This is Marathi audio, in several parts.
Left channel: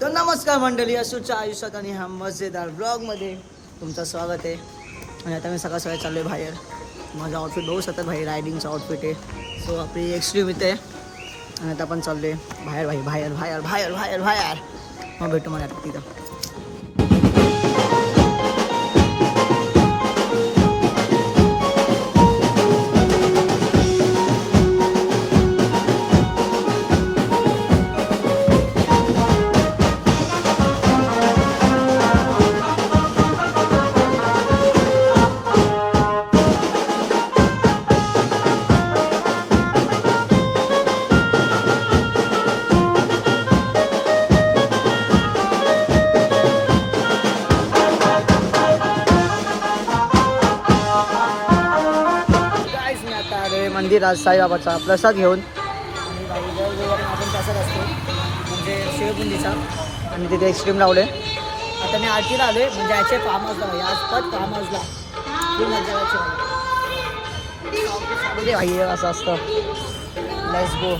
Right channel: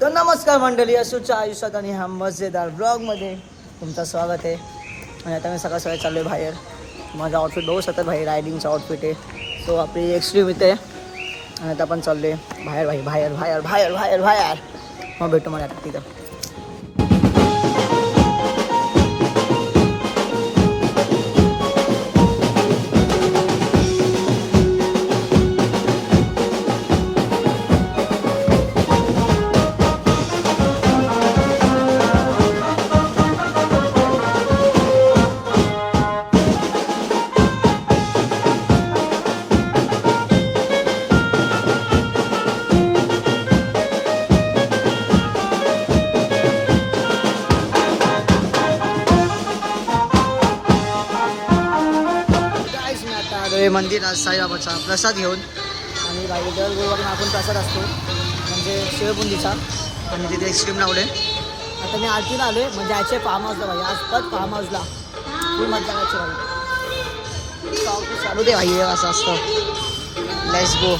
तर नमस्कार मंडळी, असूच्या आयुष्यात आणि ह्या मजेदार ब्लॉगमध्ये तुमचं स्वागत आहे. आणि आता मी सकाळ सकाळी चाललो आहे बाहेर. माझा आउटफिट बघू शकतात भाई, रायडिंगचा आउटफिट आहे. सो आपली एक्स्ट्रीम इथे आणि आता आपण चाललो आहे बाहेर भाई, बाहेर बाहेर बाहेर बाहेर बाहेर. मग भेटू मला आता तिथं. मंदिर आज साईबाबाचा प्रसाद घेऊन. आणि बाई दर गुरुवारी आपण प्रसाद असतो म्हणजे शिवबुंदीचा. आणि तिथे एक्स्ट्रीम लावले. आता मी आरतीला आलो आहे म्हणजे याचे फार्म हाऊसला भाई, आज पण फार्म हाऊसला खूप मजा करायची भाई. चालू दे भाई, असं असतं. Let's go.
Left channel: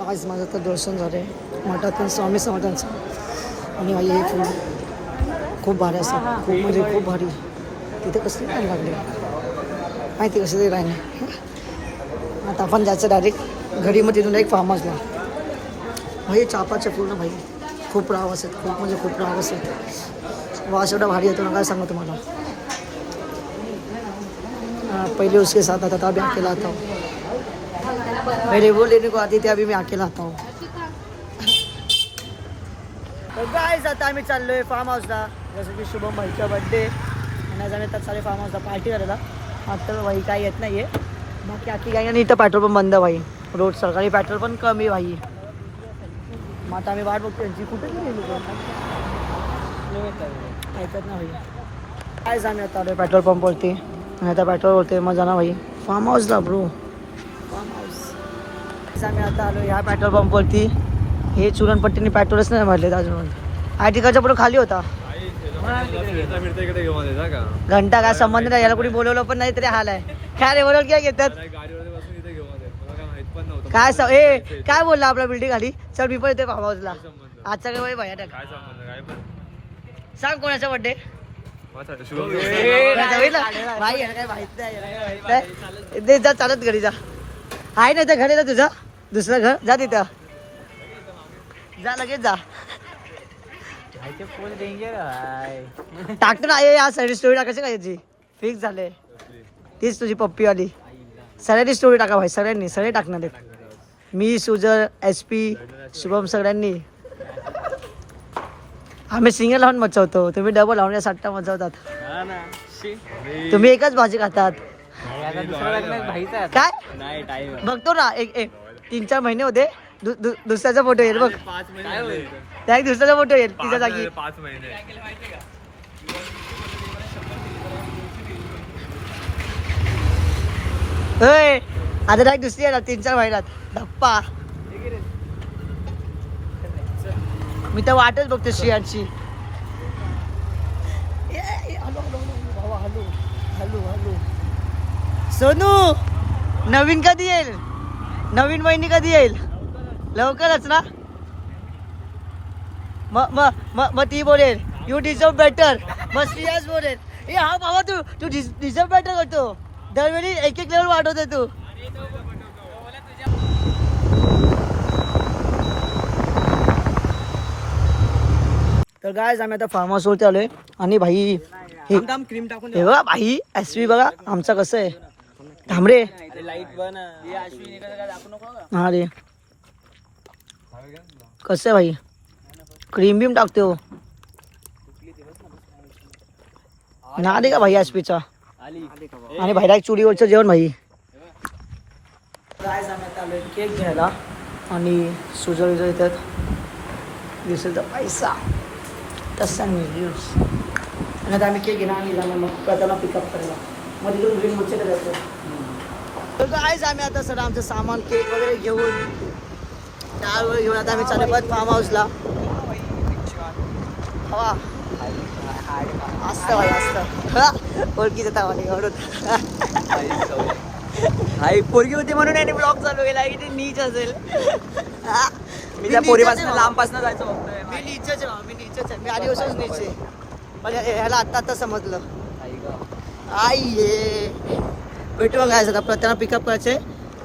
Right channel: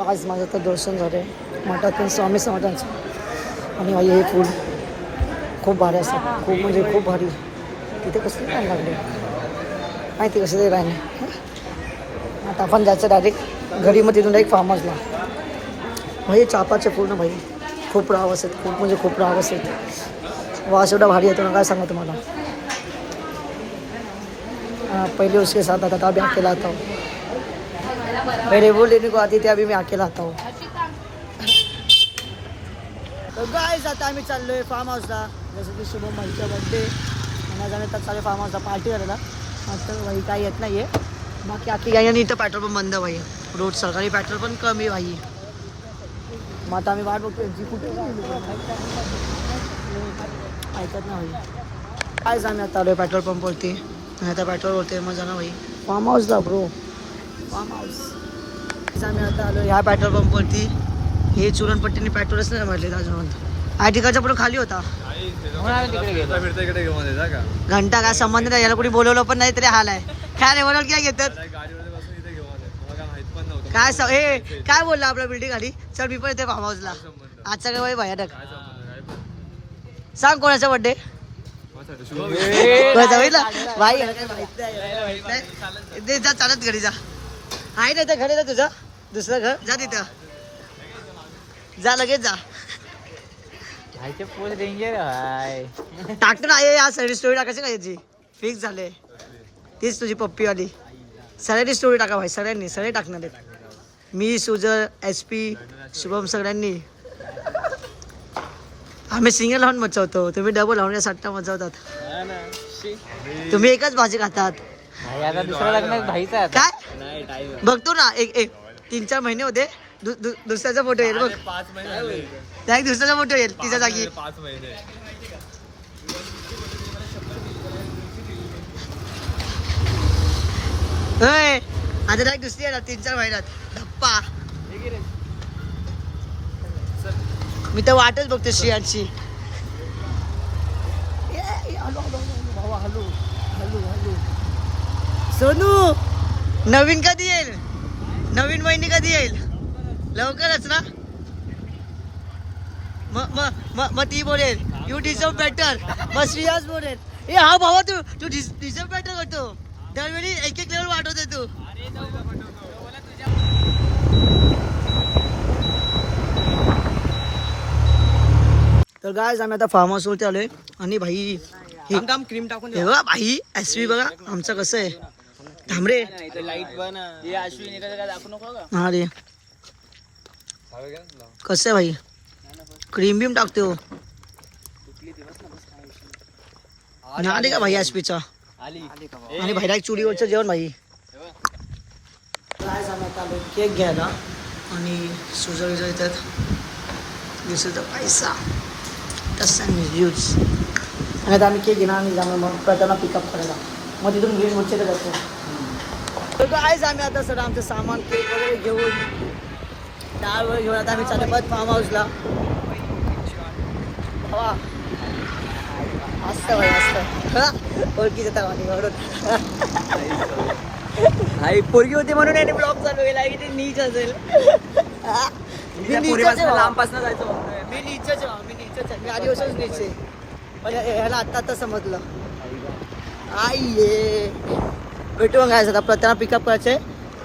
आज माझं तर दर्शन झालं आहे मठातून स्वामी समर्थांचं. आणि आई हे फूल खूप भारी असतात, खूप म्हणजे खूप भारी. तिथे कसले लाईन लागले माहिती, कसले लाईन आहे. आता आपण जायचं डायरेक्ट घरी, मग तिथून डायरेक्ट फार्म हाऊसला. भाई चापाचे फूल ना भाई, खूप रावस आहेत, खूप म्हणजे खूप रावस आहेत. वास एवढा भारी येतो ना काय सांगू तुम्हाला. पहिले उसके साथ आता अभी अकेला आता हूँ. पहले वो लेने को आती थी, अभी मैं अकेला आता हूँ. तर गाईज आता आम्ही चाललो आहे फार्म हाऊसला. जसं की शुभम भाईचा बड्डे आणि जाणे तर चालेल फार्म हाऊसला पार्टी करायला. आता भाई काही येत नाही आहे बाकी आखी काही. आणि इथं पेट्रोल पण बंद भाई, रोड सरकारी पेट्रोल पण कमी भाई. मग आता आम्ही वाट बघतो यांची, कुठे गेली लोक ऐकत ना भाई. कायच आम्ही आता आलो पेट्रोल पंपवरती. आणि आता पेट्रोलवरती मजा ना भाई. फार्म हाऊसला ब्रो, फार्म हाऊस. आम्ही आता आलो ह्या पेट्रोल पंपवरती. हे चुरणपट्टीने पेट्रोलच नाही मारले अजून. आय टिकाच्या पुढे खाली होता. घंटा काय संबंध नाही, याला कुणी बोलवलं पण नाही तरी हाल आहे. काय रे बोलवलं काय घेतात काय हे काय बोलला आपला बिल्डिंग खाली. चल मी पण येते फार्म हाऊसला. आजचा काय भाई भयानक. सांग कोणाचा बड्डे भाई, याला काय माहित नाही. जा चालत घरी जा. आहे ना त्या घरी तुझं दुसरं घर, जा तिथं जा, लगेच जा. टाकतो ना या सगळी स्टोरी टाकायची का याची फिक्स झाले. तीच तुझी पप्पीवाली. सगळ्यांनी स्टोरी टाका भाई, सगळ्यांनी सगळे टाकणार आहेत. मी, सुजल, SP, शुभम सगळ्यांनी. आम्ही सिंगल लावून मचवतो, तुम्ही डबल लावून सट्टा मचवतात. तुम्ही एकच भाजी खातात काय. बघतो ना एक 3-4 महिने होते. दुसऱ्याचा फोटो येईल बघ. 5 महिने त्या एक दुसऱ्याचा फोटो येईल तिच्या जागी. 5 महिने होय आता काय दिसली ना 3-4 महिन्यात धप्पा. मी तर वाटच बघते श्रियांची. भावा हॅलो हॅलो हॅलो. सोनू नवीन कधी येईल? नवीन महिनी कधी येईल? लवकरच ना. मग ती बोलेल यू डिझर्व बेटर. मग श्रियाच बोलेल ए हा भावा तू डिझर्व बेटर करतो. दरवेळी एक लेवल वाढवते तू. तर गायज आम्ही आता फार्म हाऊसवरती आलोय आणि भाई क्रीम टाकून हे बघा भाई एसवी बघा आमचा कसं आहे. थांबरे हा रे कसं आहे भाई क्रीम बीम टाकते हो ना दे का भाई एसपीचा. आणि भाईला एक चुलीवरचं जेवण भाई. गायज आम्ही आता आलोय केक घ्यायला आणि सुजळ येतात दिवसाचा पैसा तसा यूज. आणि आता आम्ही केक घेणार आणि जाणार मग करताना पिकअप करायला. मग तिथून ग्रीन उच्चले जातो. तर गायज आम्ही आता सर आमचं सामान केक वगैरे घेऊन डाळ वगैरे घेऊन आता आम्ही चालले बघ फार्म हाऊसला. हवा असतं भाई असतं ओळखीचं तर म्हणे एवढं. पोरगी होती म्हणून याने ब्लॉग चालू केला की ते नीच असेल. लांबपासून जायचं. मी नीचच आहे मी आधीपासूनच नीच आहे. पण ह्याला आत्ता समजलं. आई ये भेटू मग काय प्रताना पिकअप करायचे.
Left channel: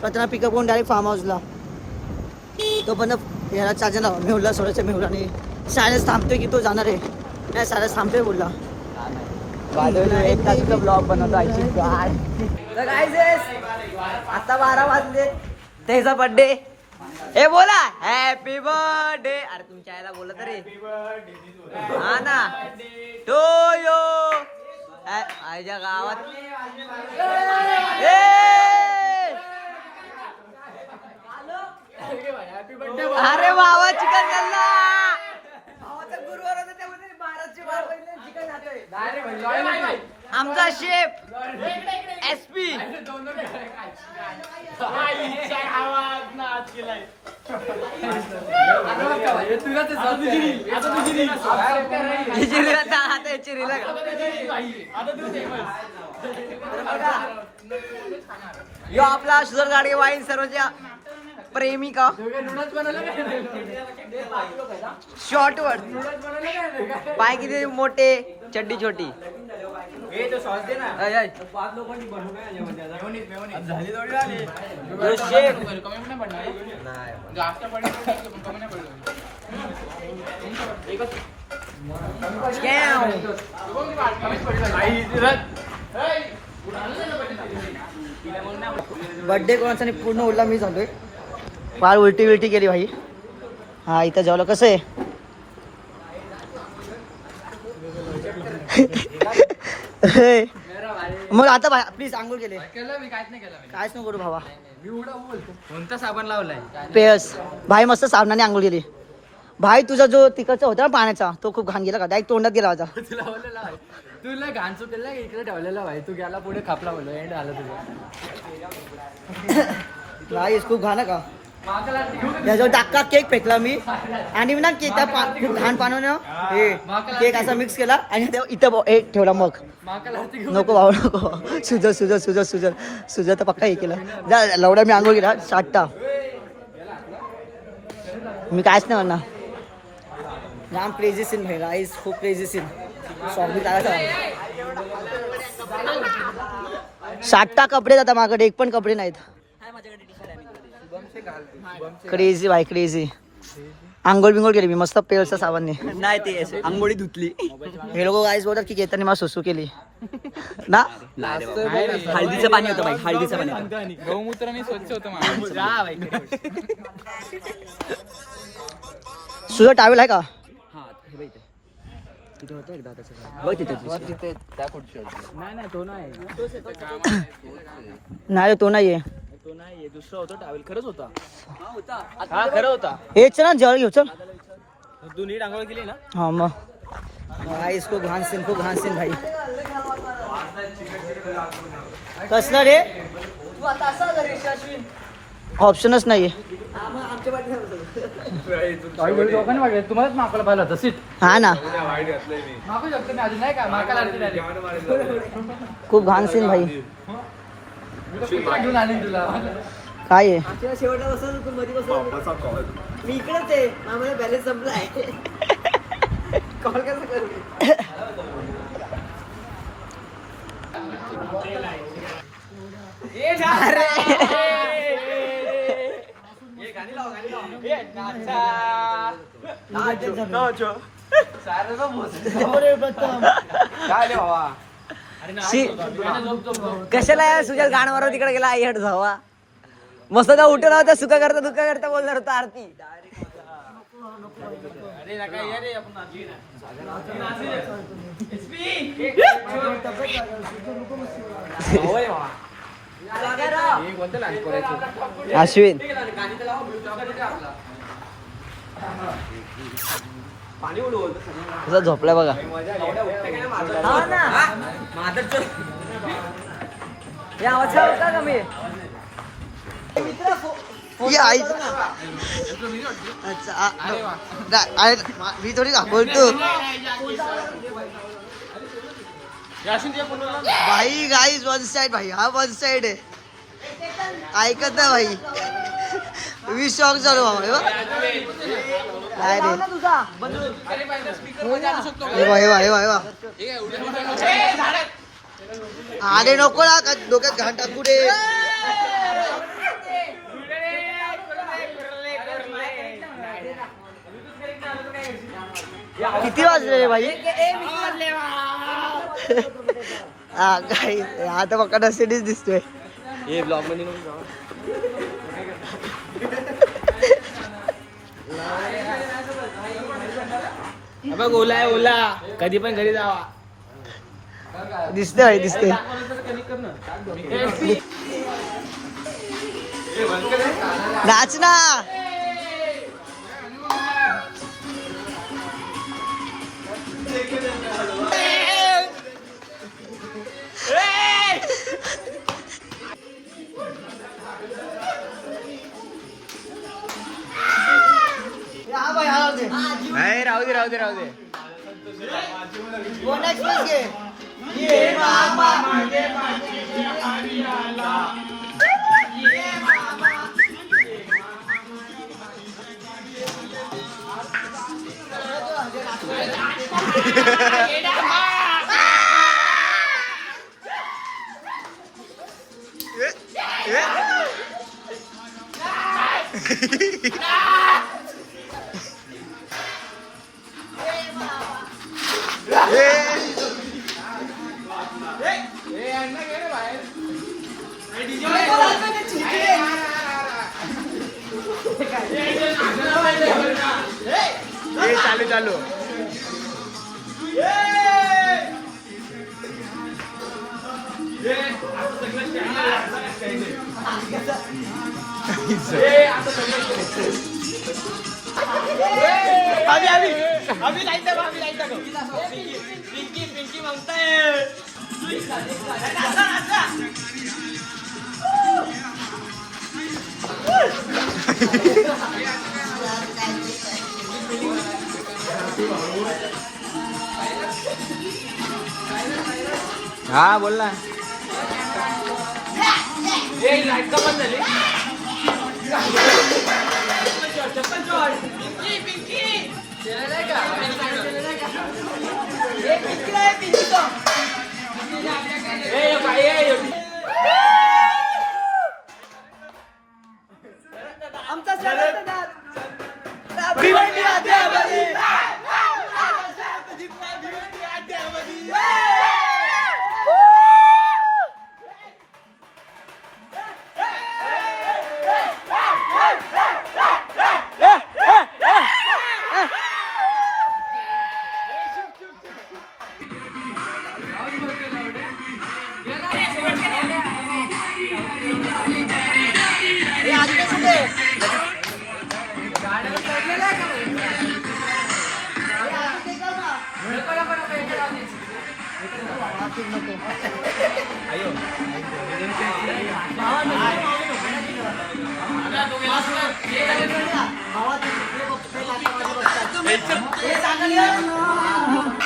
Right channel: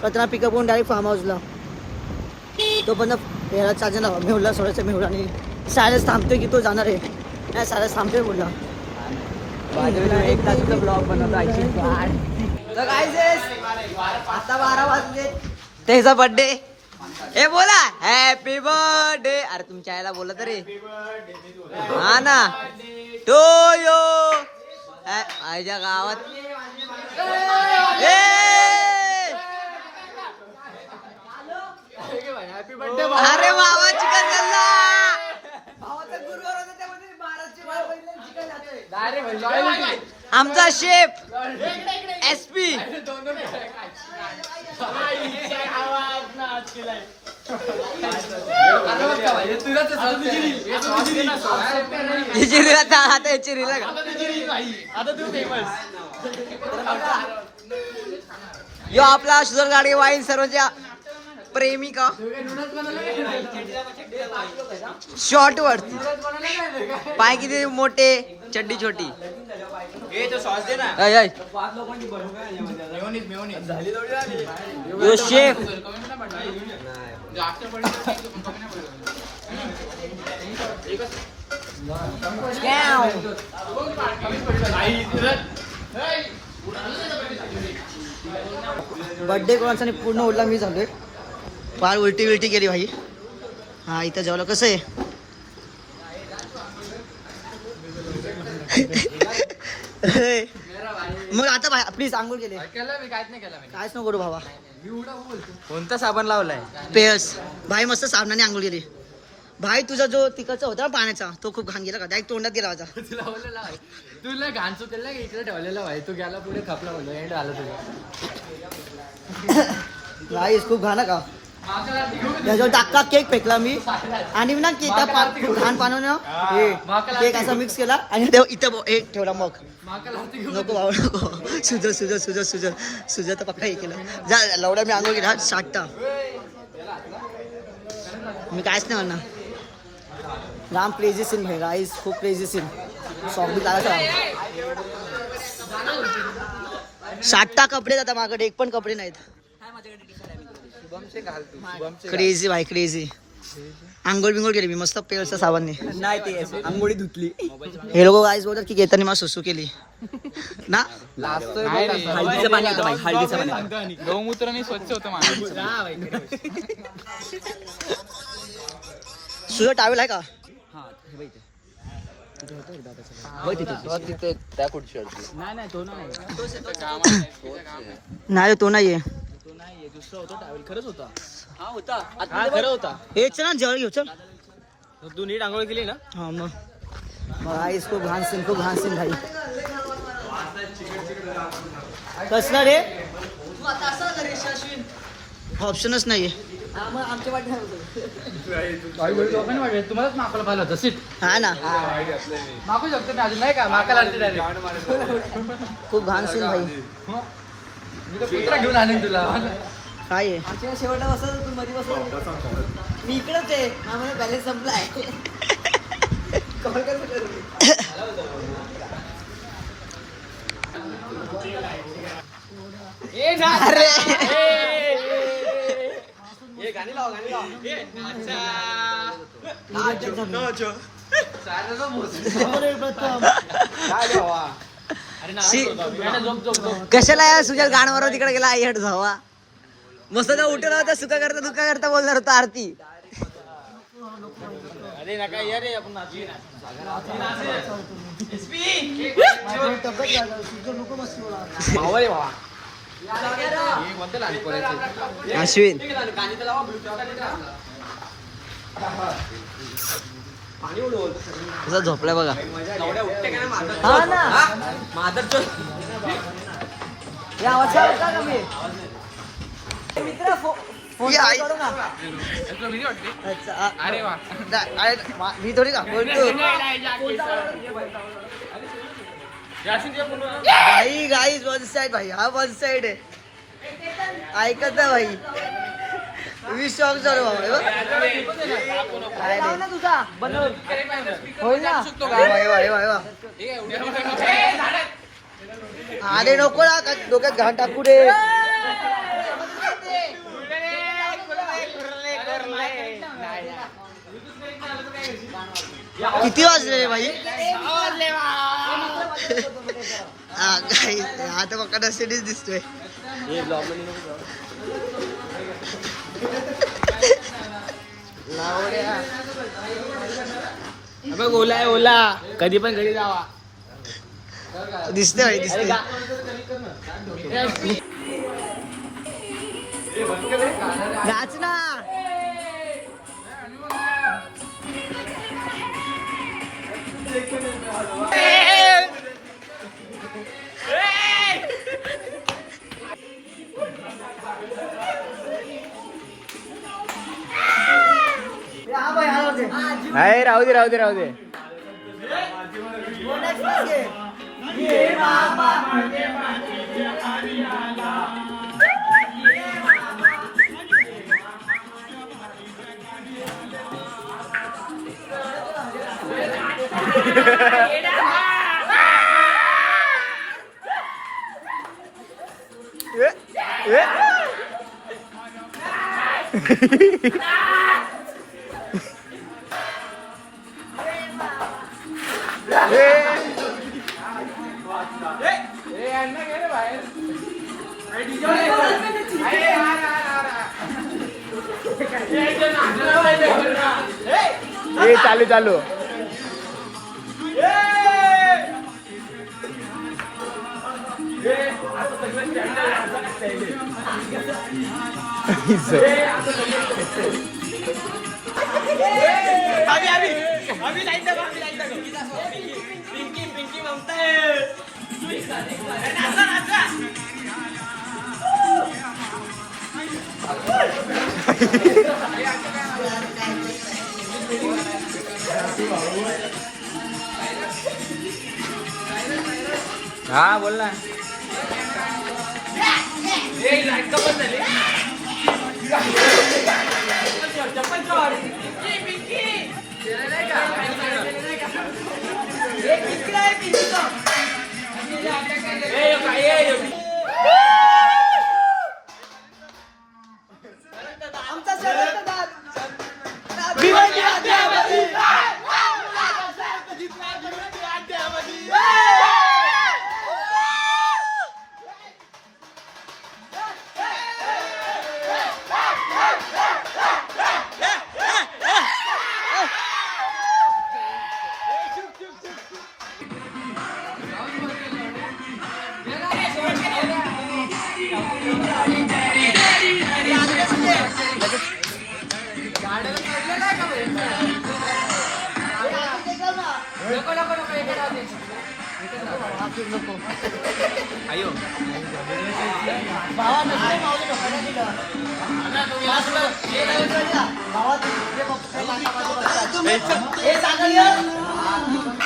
प्रताना पिकअप करून डायरेक्ट फार्म हाऊसला. तो पण याला चार्जर ना मेहुला सोडायचं. मेहुला आणि सायलेन्स थांबतोय की तो जाणार आहे. नाही सायलेन्स थांबतोय बोलला. ब्लॉग बनवतो. तर काय आता 12 वाजले. त्याचा बर्थडे हे बोला हॅपी बर्थडे. अरे तुमच्या आईला बोला तरी हा ना तो यो आईच्या गावात. अरे भावा चिकन खाल्ला. भावाचा गुरुवार होता त्यामध्ये 12 चिकन खातोय. आमचा शेफ एसपी यो आपला सुधर गाडी वाईन सर्वच्या प्रेमिका शॉर्ट वर पाय किती मोठे चड्डी छोटी. शेफ बर्थडे कोणाचा पूर्ण उरला मी झालोय. फार उलटी केली भाई. हा इथं जेवलं कसं आहे. मग आता भाई प्लीज आंघोळ केले कायच नको करू भावा. कोणता साबण लावलाय? पेयर्स भाई मस्त साबणाने आंघोळ केली. भाई तुझा जो तिकडचा होता ना पाण्याचा तो खूप घाण गेला का डायरेक्ट तोंडात गेला होता. तुला घाण चुकेल इकडे ठेवलेला भाई. तू गेला पुढे खापला बोललो एंड आला तुझं. गाईस खूप घाण का त्याच्यावर टाका केक फेकला मी आणि ना त्या खूप घाण पाण्यानं हे केक असा मिक्स केला आणि इथं एक ठेवला. मग नको भाऊ नको. सुजत तर पक्का हे केलं. जा लवडा मी आंघोळ केला 60टा. मी कायच नाही म्हणणार. जाम क्रेझी सीन भाई राईस खूप क्रेझी सीन. सॉंग बी चालायचा 60टा कपडे जातात माझ्याकडे एक पण कपडे नाहीत. क्रेझी भाई क्रेझी. आंघोळ बिंगोळ केली मी मस्त पेलच्या साबणने. नाही ते आंघोळी धुतली. हे लोक गाईस बोलतात की येताना मला सुसू केली ना. हळदीचं पाणी होतं भाई. हळदीचं पाणी गौमूत्राने स्वच्छ होतं. तुझा टावेल आहे का? नाही तो नाहीये. दुसरा होता टावेल. खरंच होता. हेच ना जेवण घेऊ चल. तू नीट आंघोळ केली ना. हा मग राईस खूप घाण सीन भाई. कसलं रे ऑप्शनच नाहीये. तुम्हालाच मागवलं पाहिलं होतं सीट. हा ना, मागू शकतो मी अजून नाही का मागायला आणते direct. खूप घाण सीन भाई. मी तर कुत्रा घेऊन आणीन तुला. काय आहे? शेवटला बसत तू मध्ये बसत मी इकडेच आहे आम्हाला बॅलेन्स संपलाय. कॉल कसं करू? कशाला या सुजल गाणवर तिकडे गेला आई हट जावा. मस्त जा उठून होता सुका करता बोलणार होता आरती. अश्विन झोपलाय बघा. आवाज का कमी मी थोडी बोलतो भाई. गाईज वन साइड भाई, हा वन साइड आहे. ऐकत ना भाई. 20 सॉंग चालू बाबा. काय रे अरे नको ना डोक्यात घाण टाकू दे. किती वाजले रे भाई? हा काय आता बघा नसेच दिसतोय. ओला आहे ओला, कधी पण घरी जावा. दिसते भाई दिसते. नाच ना. राहू दे. चालू हा बोल ना. आमचा Sharad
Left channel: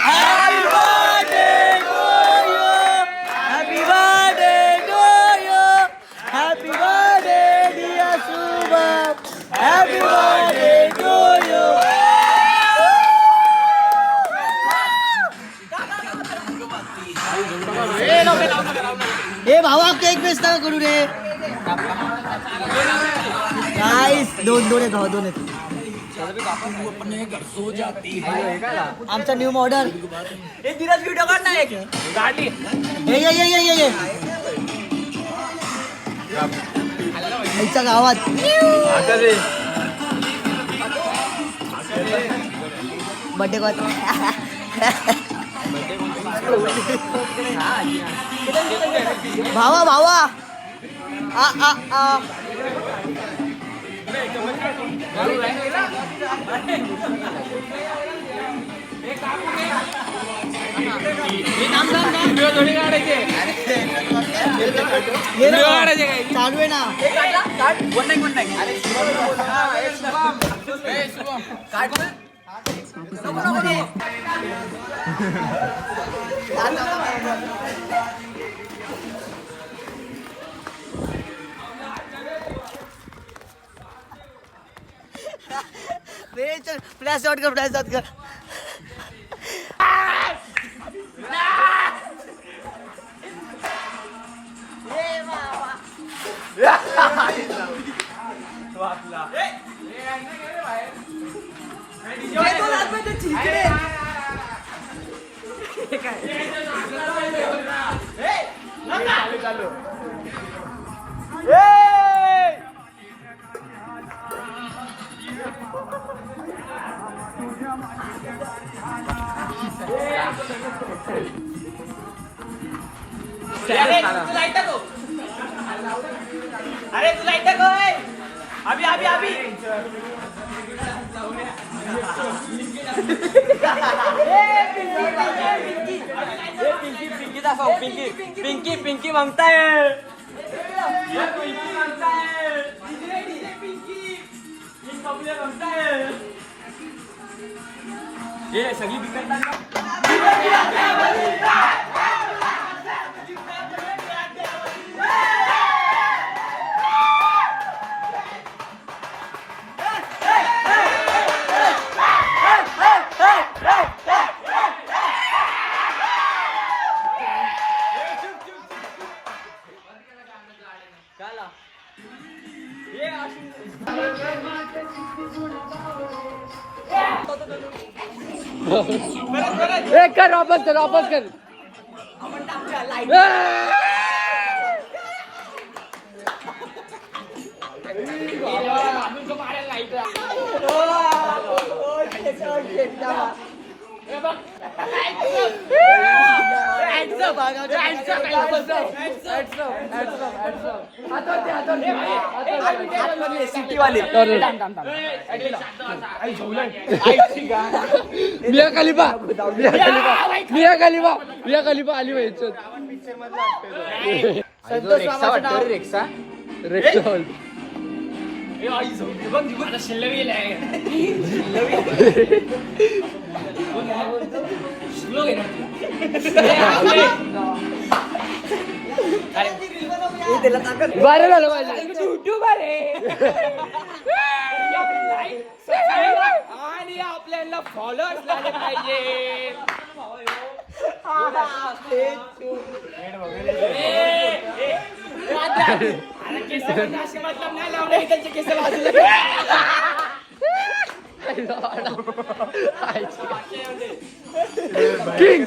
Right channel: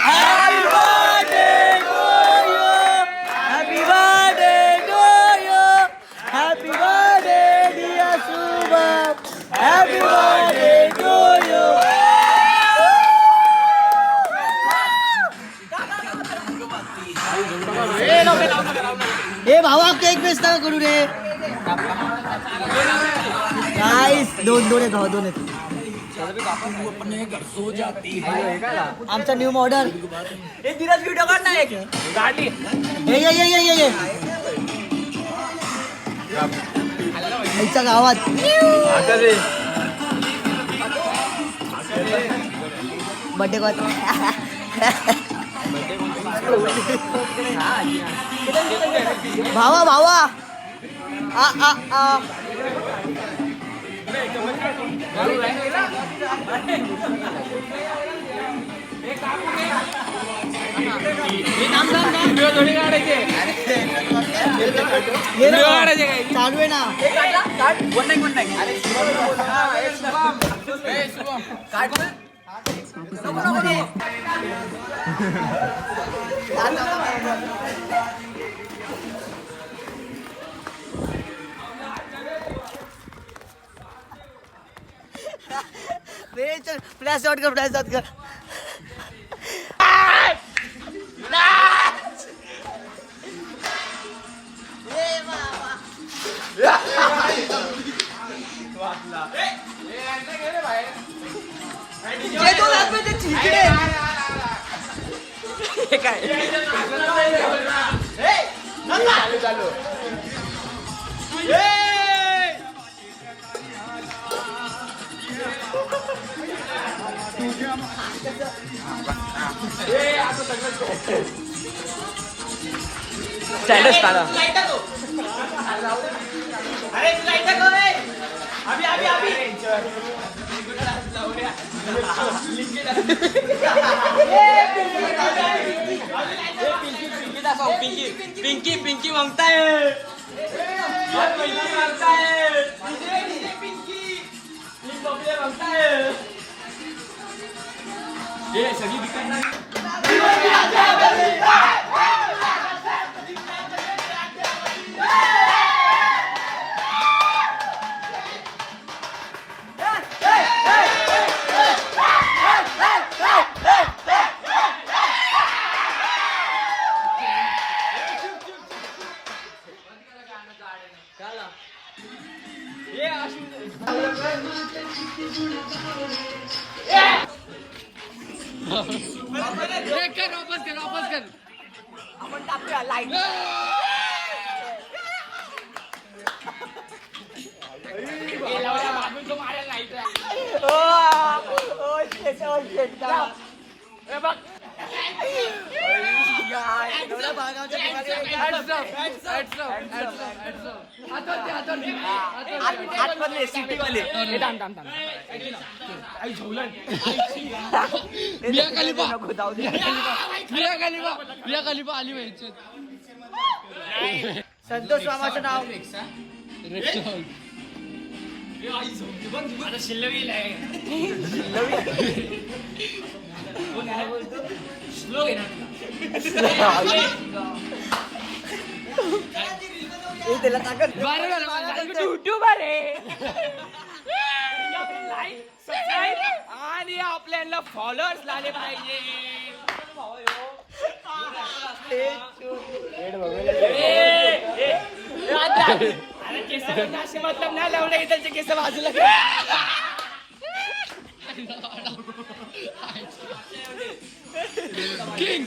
Happy birthday to you. Happy birthday dear Shubham. Happy birthday to you. ए भावा केक बेस नका करू रे गाइस दोन आहेत भावा दोन आहेत आमचा न्यू मॉडल हे धीरज व्हिडिओ काढ ना एक गाडी ये आईच्या गावात बर्थडे भावा आ चालू आहे ना फ्लॅश आउट कर पिंकी मांगताय सगळी कर वापस कर मिया खलिफा आली व्हायचं संतोष मामाचं नाव रेक्सॉल बरं झालं माझं युट्यूबर आहे आणि आपल्याला फॉलोअर्स झाले पाहिजे मतलब नाही लावले त्यांचे केस बाजूला किंग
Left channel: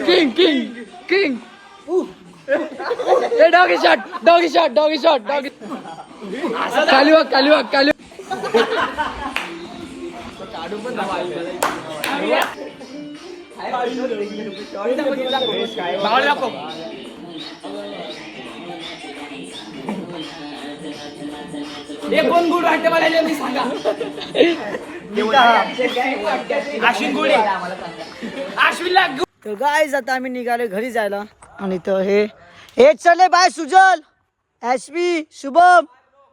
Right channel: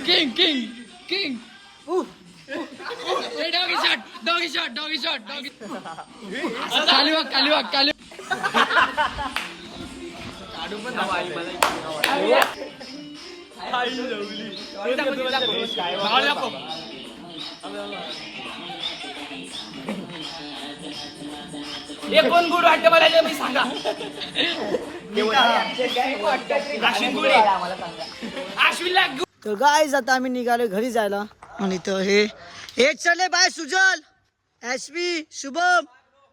डॉगी शॉट खाली वाग कोण गुड वाटते मला मी सांगा तर गाईज आता आम्ही निघालो घरी जायला आणि तर हे चले बाय सुजल एसपी शुभम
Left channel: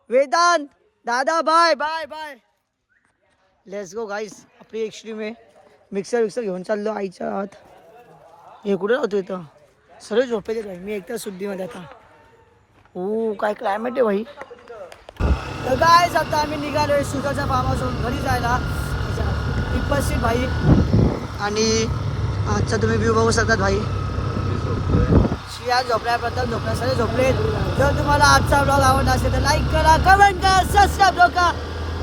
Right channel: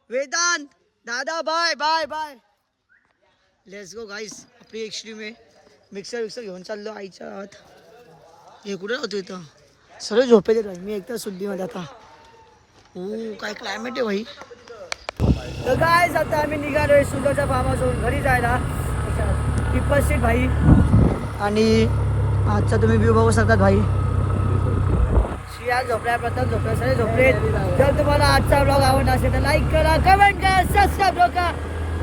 वेदांत दादा bye bye bye let's go guys. आपली एक्स्ट्रीम आहे. मिक्सर घेऊन चाललो आईच्या आत. हे कुठे राहतो इथं सर्व झोपेले भाई. मी एकटा सुट्टीमध्ये आता. हो काय क्लायमेट आहे भाई. तर गाईस आता आम्ही निघालोय सुजाच्या फार्म हाऊसवरून घरी जायला. टिप्पर सीट भाई. आणि आजचा तुम्ही व्ह्यू बघू शकतात भाई. श्रिया झोपल्या प्रथम झोपल्या सगळे झोपले. जर तुम्हाला आजचा ब्लॉग आवडला असेल तर लाईक करा कमेंट करा सबस्क्राईब करा.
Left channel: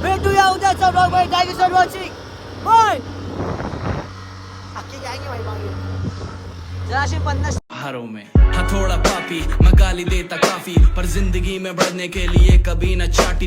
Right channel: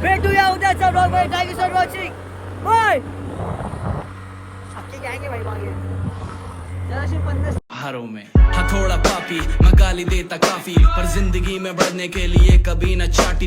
भेटूया उद्याचा ब्लॉग मध्ये. Thank you so much bye. भाई मागे जराशी 50 हारों में हथौड़ा पापी मैं गाली देता काफी पर जिंदगी में बढ़ने के लिए कभी न चाटी